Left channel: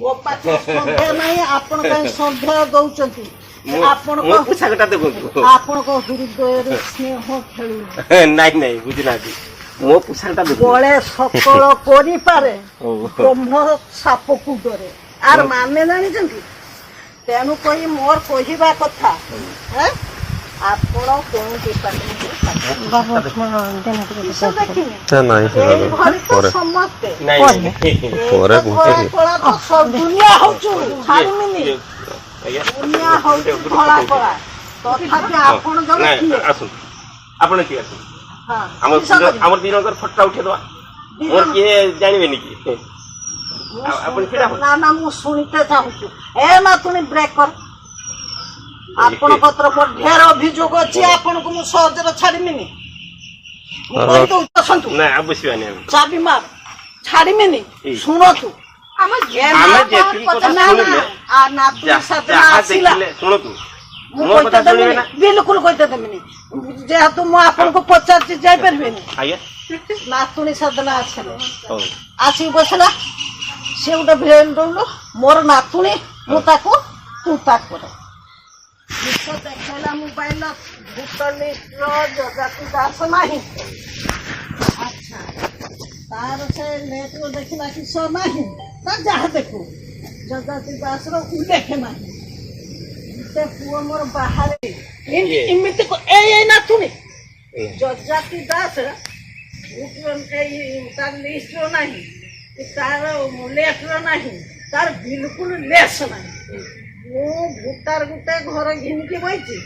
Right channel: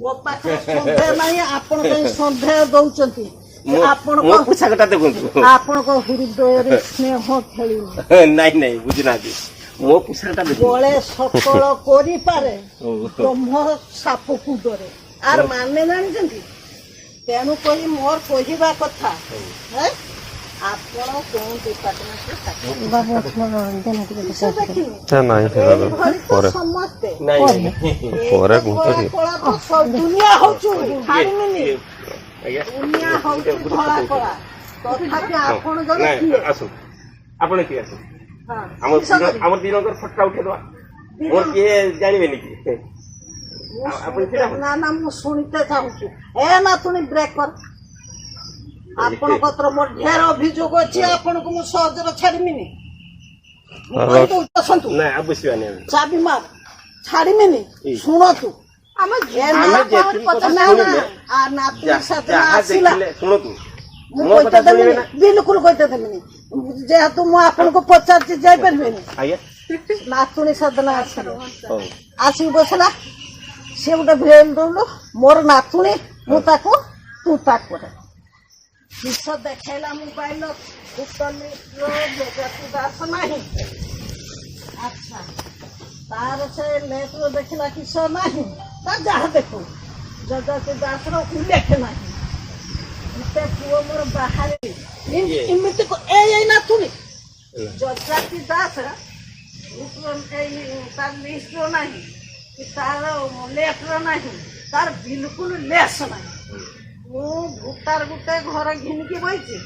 ମୋ ପାଖରେ ସନ୍ଦେହ ନାହିଁ ଆପଣ କାହିଁ ସନ୍ଦେହ ଦଉଛନ୍ତି ଆପଣଙ୍କ ହୃଦୟରେ ସ୍ନେହ ଖେଳିବ ନାଇଁ ନାଇଁ ବୁଝୁନାହାନ୍ତି ମୋ ପୋଷାକଟା ବଳେ ସକଳ କରିପାରେ ବ୍ରହ୍ମ ସାପକୁ ଡରେ ଆର ମାନେ ଜାଣିଛନ୍ତି ତେଣୁ କହି ମୋର କହିବା କଥା ଆପଣ କୋଉ ଡିପାର୍ଟମେଣ୍ଟରେ ସମସ୍ତେ ଦୁନିଆ ହଉଛୁ ଛାଡ଼ିମିନି ଦୁନିଆ ହଉଛି ଧଳା କଳା ତଥାପି ଆପଣ ଜଣେ କିଏ ଆପଣ କିଏ ଆସନ୍ତୁ ଆମର ଦିନଙ୍କର ଫଟୋ ଉଠେଇଦବା ମୋର କିଏ ଜାଣିବେନି କି ନା ନା ମୁଁ ଶୁଣିତେ ଚାହୁଁଛୁ ଏ ନାତୁଣୀ ବ୍ରେକ୍ କର ଆପଣଙ୍କ ମୋର ଢେର ଅଭିଯୋଗ ଅଛି ଆପଣଙ୍କୁ ମୁଁ ସହଜରେ ଛାଡ଼ିମିନି ଚାବି ମାର ଛାଡ଼ିମିନି ଶୁଣନ୍ତୁ ବିଲକୁଲ କହିତେ ଦେବିନି ଯେହେତୁ ମୁଁ ଆପଣଙ୍କୁ ପଚାରିଛି ଯାଇପାରିବେନି ନାତୁଣୀ ସାଧନା ଆସିଲେ ଆସିକି ବସିଲା ସେ ଗୋଟେ ଭିଡ଼ ଦଉଲୁ ମୋର ନାତୁଣୀ ମୁଁ ତାକୁ ତୁ ତାକୁ କରେ ବିଷ ଦେଖେଇଲା ମୋବାଇଲ ଦାସ ନାହିଁ ଆଚ୍ଛା ତାର ସେ ଲେଟର ଦେଖିଲା କିସ ନାହିଁ ତା ଯାହା ଦେଖୁ ଯଜାତି ଦାସର ଉଲ୍ଲେଖ ନାହିଁ ଗୋଟେ ପୁଅ ମୋର ବାହାରେ ଏମିତି ଏଇ ନାତୁଣୀ ଯଜାତି ଦାସ ତାର ଲିଷ୍ଟର ନାହିଁ ତାର ଲେଟର ନାହିଁ ତାର ବିଲକୁଲ ଲେସ୍ ନାହିଁ ମୁଁ ଭୁଟାର ଗୋଟେ ଘର ଘିନିକି ବଇଛି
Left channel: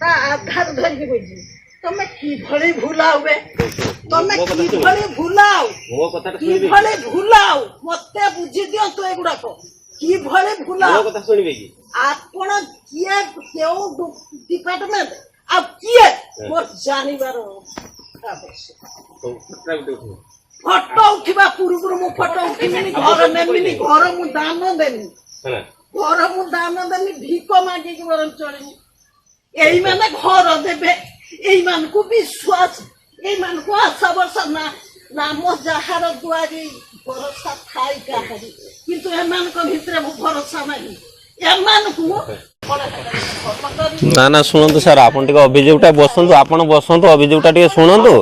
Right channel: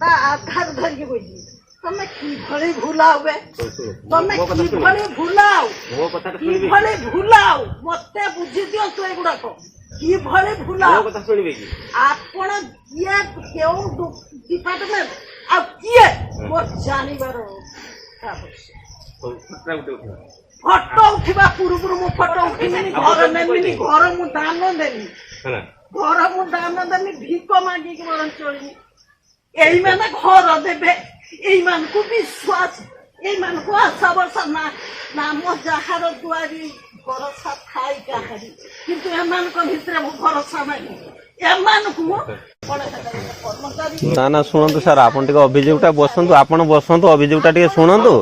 ତା ଆଧାର ଧରିକି ବଇଛି ତମେ କିଭଳି ଭୁଲାଉ ତମେ କିଭଳି ଭୁଲାଉ ମତେ ବୁଝି ଦିଅନ୍ତୁ ଏଗୁଡାକ କିଭଳି ଭୁଲାଉ ଆପଣ କିଏ କେଉଁ ଡିପାର୍ଟମେଣ୍ଟ ଆଉ କିଏ ମୋର ଜାଣିବାର ଆବଶ୍ୟକ ଫଟୋ ଉଠିବା ପୂର୍ବରୁ ମୁଁ ଫଟୋ ଉଠିବିନି ଘର ନେବିନି ଘର ମୁଁ ଦାନ ଦେବି ଭିକ ମାଗିକି ବରଂ ଚଳିନି ଏଇମାନେ ଘର ଦେବେ ଏଇମାନଙ୍କୁ ବିଶ୍ୱାସ ଏଇମାନଙ୍କୁ ଆଶା ବର୍ଷା ନାମ ଯାହାର ଦୁଆରି ଭରସା ଥାଇ କାହାରି କିନ୍ତୁ ଏମାନଙ୍କ ଭିତରେ ଭରସା ନାହିଁ ଏମାନଙ୍କୁ ନା ନା ଶୁଣନ୍ତୁ ସାର୍ ଆପଣ ଟିକେ ଅଭିଯୋଗଟା ବସନ୍ତୁ ଆପଣ ବସନ୍ତୁ ଅଭିଯୋଗଟା ଟିକେ ଶୁଣନ୍ତୁ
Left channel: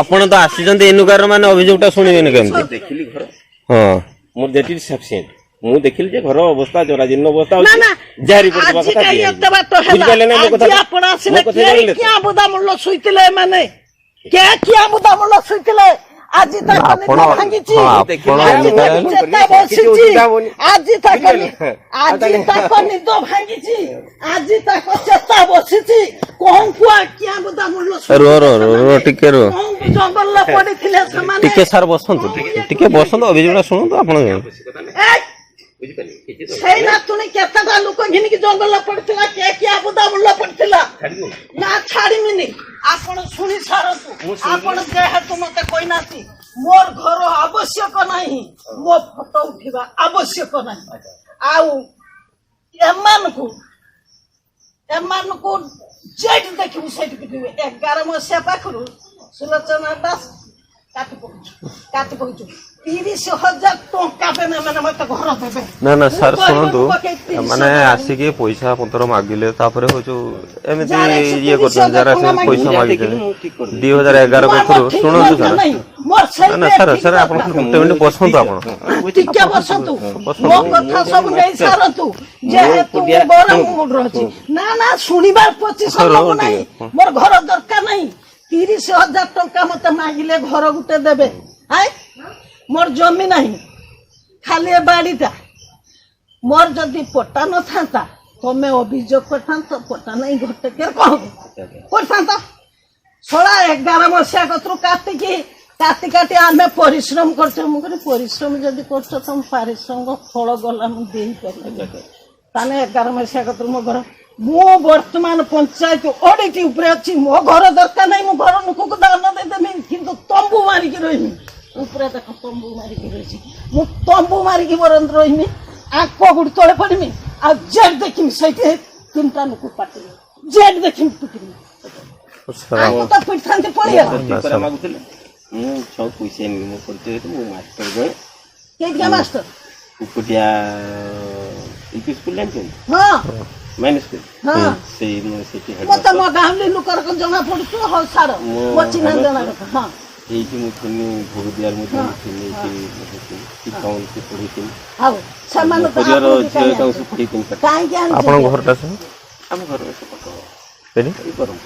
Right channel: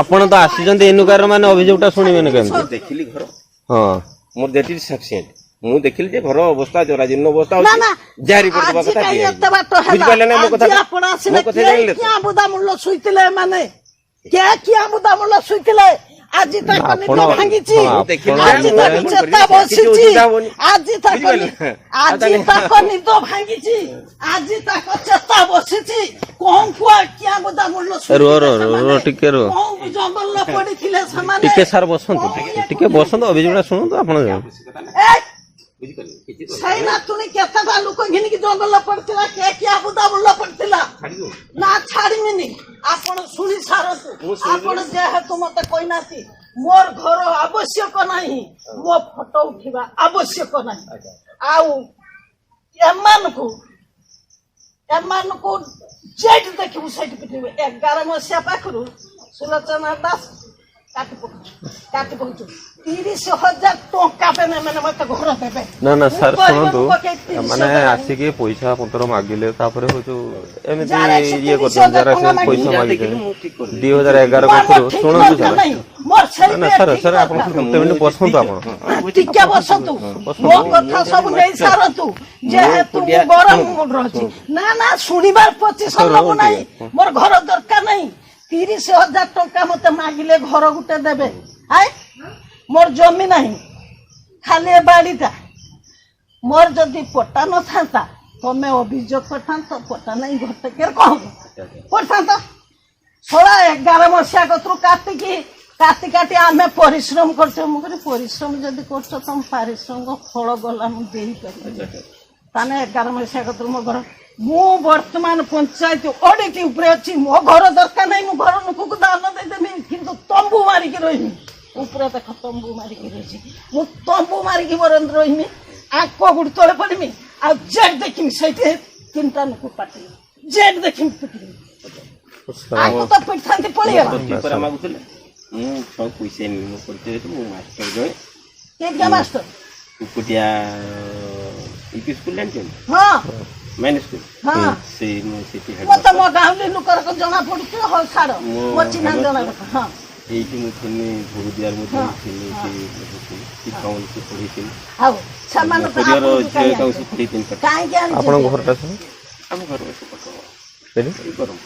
ଆପଣ ତ ଆସିଛନ୍ତି ଏନୁକାର ମାନେ ଅଭିଯୋଗଟା ଶୁଣିବେନି କେମିତି ଦେଖିଲି ଘର ହଁ ମୋର ଦେଖିଲି ସଫିସିଏଣ୍ଟ ମୁଁ ଦେଖିଲି ଯେ ଘର ଅବସ୍ଥା ଜରାଜୀର୍ଣ୍ଣ ଅବସ୍ଥା ଯାହା ରିପୋର୍ଟ ଦେବା କଥା ବୁଝିପାରିଲେ ନା ମୋ କଥା ଆଜି ଆପଣ ଭାଙ୍ଗିଛି ଆଜି ତାଙ୍କ ନିଦ ଭାଙ୍ଗିଛି ଆଜି ତାଙ୍କ ଚେତା ବସିଛି ଟିକେ ଜଙ୍ଗଲରେ ପଡିଥିଲେ ସେମାନେ ଟିକେ ସାର୍ ବସନ୍ତୁ ଟିକେ ବସନ୍ତୁ ଅଭିଯୋଗଟା ଶୁଣନ୍ତୁ ଆପଣ ସେଇ ନାତୁଣୀ କେତେଟା ଲୋକ ଘିନିକି ଜଙ୍ଗଲରେ ପଡିଥିଲା କିଏ ବୁଦା ମୁள்ள ପଡିଥିଲା ନା ଛାଡିମିନି ଆପଣ ଶୁଣି ସାରନ୍ତୁ ଆପଣ ଯେହେତୁ ମତେ କହିନାହାନ୍ତି ମୋର ଘର ଆବଶ୍ୟକ ନାହିଁ ମୋ ଫଟୋ ଉଠିବା ଆବଶ୍ୟକ ନାହିଁ ଆଉ ଏମାନଙ୍କୁ ଯେଠି ଦେଖିବୁ ସେଇଠି ପିଟିବେ 11 ମସିହା ପାଖରୁ ସୁଲୋଚନା ଦାସ କାଟି ପକଉଛୁ 30,000 ଟଙ୍କା ଦେନେ ମାନେ ମତେ ଘର ଦେବେ ନା ନା ସାର୍ ଶୁଣନ୍ତୁ ମାନେ ଆସିକି ପଇସା ପତ୍ର ମାଗିଲେ ତାପରେ ହଉଛୁ ଏମିତି ଇଏ କରୁଛନ୍ତି ଯାরা ସେ ପଇସା ମାଗିଲେ 2011 ପାଖରୁ ଶୁଣନ୍ତୁ ସାର୍ ନା ସାର୍ ସାର୍ ଆପଣ ଗୋଟେ ମିନିଟ୍ ବସନ୍ତୁ ଆପଣ ଟିକେ ବସନ୍ତୁ ମୋ କଥା ସବୁ ନେଇ ସାରନ୍ତୁ ଯେହେତୁ ବଡ଼ ମୁଣ୍ଡ ଅଛି ନା ନା ଶୁଣିବାର ପ୍ରତିଶତ ନାହିଁ ମୋର ଘର ଦରକାର ନାହିଁ 30,000 ଟଙ୍କା ମତେ ମାଗିଲେ ଘର ଗୋଟେ ଦେବେ ମୋର ଜମି ନାହିଁ ଖାଲି ଏ ବାଡ଼ିଟା ମୋର ଯଦି ପଟା ନଥାନ୍ତା ତମେ ଅଭିଯୋଗ କରିଥାନ୍ତ ପଟା ନାହିଁ ଘରଟେ କଣ କରିଥାନ୍ତ 11 ମସିହା କତରୁ କାଟି ଆମେ ପରିଶ୍ରମ କରୁଛୁ ମୁଁ କହିଲି ପରିଶ୍ରମ ଯଦି କରୁଛ ତମ ପାରିଶ୍ରମିକ ଫଳ ଗଲା ମୁଁ ଦେଇପାରିବି ତାହେଲେ 11 ମସିହା କତରୁ ମୋ ଘର ମୁଁ ବର୍ତ୍ତମାନ ପଞ୍ଚାୟତ ଅଡ଼ିଟ୍ ଉପରେ ଅଛି ମୋ ଘର ଦରକାର ନାହିଁ ମୁଁ ଘର ଲୋକକୁ ଦାନ ଦେଇଦେବି କିନ୍ତୁ ତମ୍ବୁ ମାରିକି ରହିବି ଉପରେ ଦେଖ ତମ୍ବୁ ମାରିକି ରହିଛି ମୁଁ ତମ୍ବୁ ମାରିକି ବରଂ ରହିମି ଆଙ୍କ ଗୁଡ଼ି ତଳେ ପଡ଼ିମି ଆଉ ଜେଟ୍ ଦେଖିମି ସେଇଠି 3ଟା ଲୋକ ପାଟିବେ ଜେଟ୍ ଦେଖିମି ପିଟିବି ଆକୁ ତ ପିଟିଥାନ୍ତି ପଡ଼ିଆ ମୁଁ ସବୁ ପଇସା ମୁଁ ମାଷ୍ଟର ଜଣେ କିଏ ମାଷ୍ଟର କୁକୁଟିଆ ୟୁପି ସ୍କୁଲ ଜାଣିଛନ୍ତି ହଁ ମାଇନର ସ୍କୁଲ ହଁ ସେଇ ମୁଁ ସେଠି ମତେ ହେଡମାଷ୍ଟର ମୋ ଗାଉଁଲି ଲୋକର ଜଣା ପଡୁଛି ହଉ ଛାଡ ମୋ ଚିହ୍ନା ଜଣା ହଁ ଏଇଠି ମୁଁ ଥିଲି ଭୋଗଦିଆର ମୁଁ ଥିଲି ଏଠି କୌଣସି ପଢିଥିଲି ହଉ ସେମାନେ ପରିବାର ଝିଅ ଏକାକୁ ସବୁ ପଢିଥିଲି କାହିଁକି ଆପଣଙ୍କ ଘରଟା ସବୁ ଆମ ଘର ସେ ପାଖ ସେଠି ଏଇ କରମ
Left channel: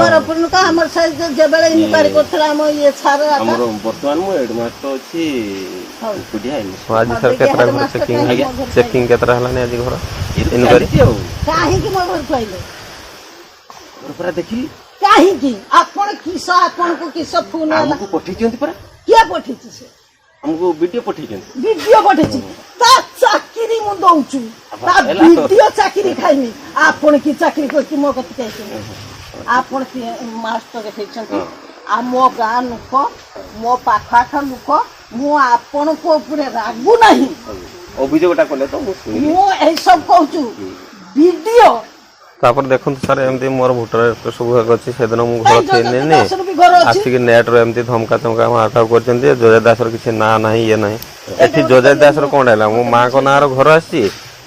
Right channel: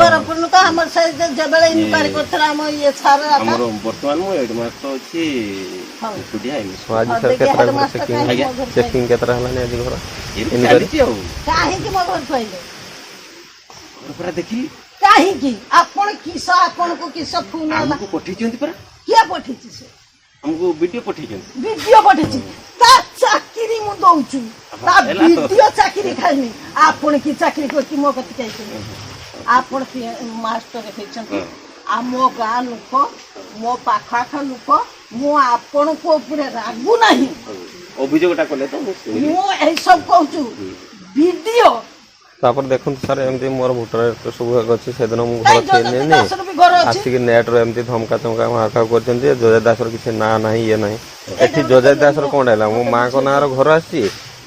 ବରପୁର ଲୋକ ଆମର ସାଇଜ ଯେବେଳେ ଇନକ୍ୱାରି କରୁଥିଲା ଆମ ଇଏ ସାର ଆମର ବର୍ତ୍ତମାନ ମୁଁ ହେଡମାଷ୍ଟର ଅଛି କୁକୁଟିଆ ହଁ, ଆଜି ସାର୍ କେତେଟା ଘର ଚେକିଂ କେତେଟା ହେଲାନି ଆଜି ଘର ଇନକ୍ୱାରି ଚାଲିଛି ଆଉ କାହିଁକି ମୋ ଘରକୁ ଆଇଲେ ଘର ପୁରା ଦେଖିଲି କାହିଁକି ଆପଣ କିସ ଆପଣଙ୍କୁ କିସ ଫୋନ ହେଲା ଆମକୁ ପଠେଇଛନ୍ତି ପରା କିଏ ପଠେଇଛି ସେ ଆମକୁ ଭିଡିଓ ପଠେଇଛନ୍ତି ଭିଡିଓ ପଠେଇଛି ତା ଚାକିରି ମୁଁ ଦଉଛୁ ତା ହେଲା। ଭିଡିଓ ଚାକିରି ଖାଇନି ଆପଣ କି ଚାକିରି କରୁଛି ମୋ କଥା କହିଛନ୍ତି ଆପଣ କିଏ ମାଷ୍ଟର ହେଇଛନ୍ତି ଆଉ ମୋ ଗାଁ ଲୋକ ମୋ ପାଖ ଆଖ ଲୋକ ମୁଁ ଆପଣଙ୍କ ଉପରେ ରାଗୁ ନାହିଁ ଅଭିଯୋଗଟା କଲେ ତ ମୁଁ ଶୁଣିଲି ମୁଁ ଏଇସବୁ କହୁଛୁ ଭିଡିଓ ତାପରେ ଦେଖନ୍ତୁ ସାର୍ ଏମିତି ମୋର ଭୋଟର ସବୁ ଅଛି ସେଦିନ ମୁଁ ଘର ଥିଲି ବି ଘର ଅଛି ଆସିକି ନେଟ୍ରେ ଏମିତି ଧମକା ମାର୍କାଉ କରିଛନ୍ତି ଯେ ଜଜା ଦାସର କିଛି ନାଁ ନାହିଁ ଇଏ ନାହିଁ ଏଠି ଜଜା ଦାସର କ'ଣ ହେଲା ମୋ ମାଆଙ୍କ ନାଁର ଘର ଆସିଛି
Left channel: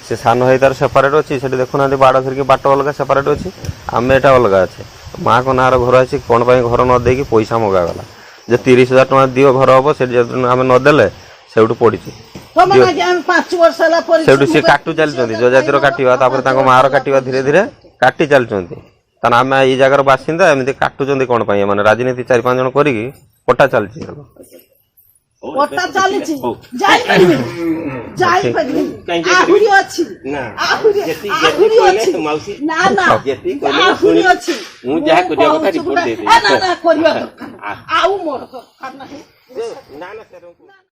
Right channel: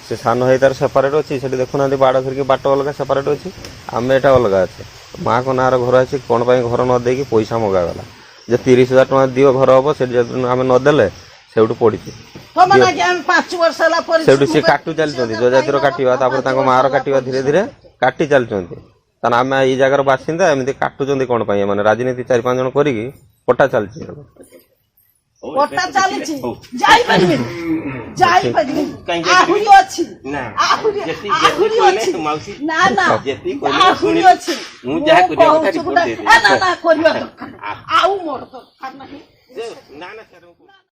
ସେ ସାନ ଭାଇ ତାର ସେପାରେଟ୍ ଅଛି ସେଠି ଦେଖୁନାହାନ୍ତି ବାଡ଼ ଧରିକି ବାଟ ଅଲଗା ସେପାରେଟ୍ ଅଛି ଆମେ ଏଟା ଅଲଗା ଅଛି ମାଆଙ୍କ ନାଁର ଘର ଅଛି କ'ଣ ପାଇଁ ଘର ନ ଦେଇକି ପଇସା ମଗାଗଲା ଯେ 30,000 ଟଙ୍କା ଦିଅ ଘର ହବ ସେଠି ଯଦି ଆମେ ନଦେଲେ ସେଇଠୁ ପଡ଼ିଛି ସେଇଠୁ ସିଏ କାଟୁ ଚାଲିଛନ୍ତି ଜଜାତିର କାଟିବା ତାପରେ ତାଙ୍କ ମାଆର କାଟିବା ଧୀରେ ଧୀରେ କାଟି ଚାଲିଛନ୍ତି କାରଣ ଆମେ ଏଇ ଜାଗାର ବାସିନ୍ଦା ଏମିତି କାଟୁଛନ୍ତି କ'ଣ ପାଇଁ ମାନେ ରାଜନୀତି 4-5 ଜଣ କରିକି କଟା ଚାଲିଛି କଟା ଚାଲିଛି ଯାଇପାରିବେ ଆହୁରି ଅଛି ଆହୁରି ଅଛି ନା ନା ଆହୁରି ଅଛି ମୁଁ ଯାହା କରିବା କଥା ରିପୋର୍ଟ ଦେଇଦେବି ନା ନା କରିବା ଆଉ ମୋର ଦରକାର ନାହିଁ ନା ନା ସାର୍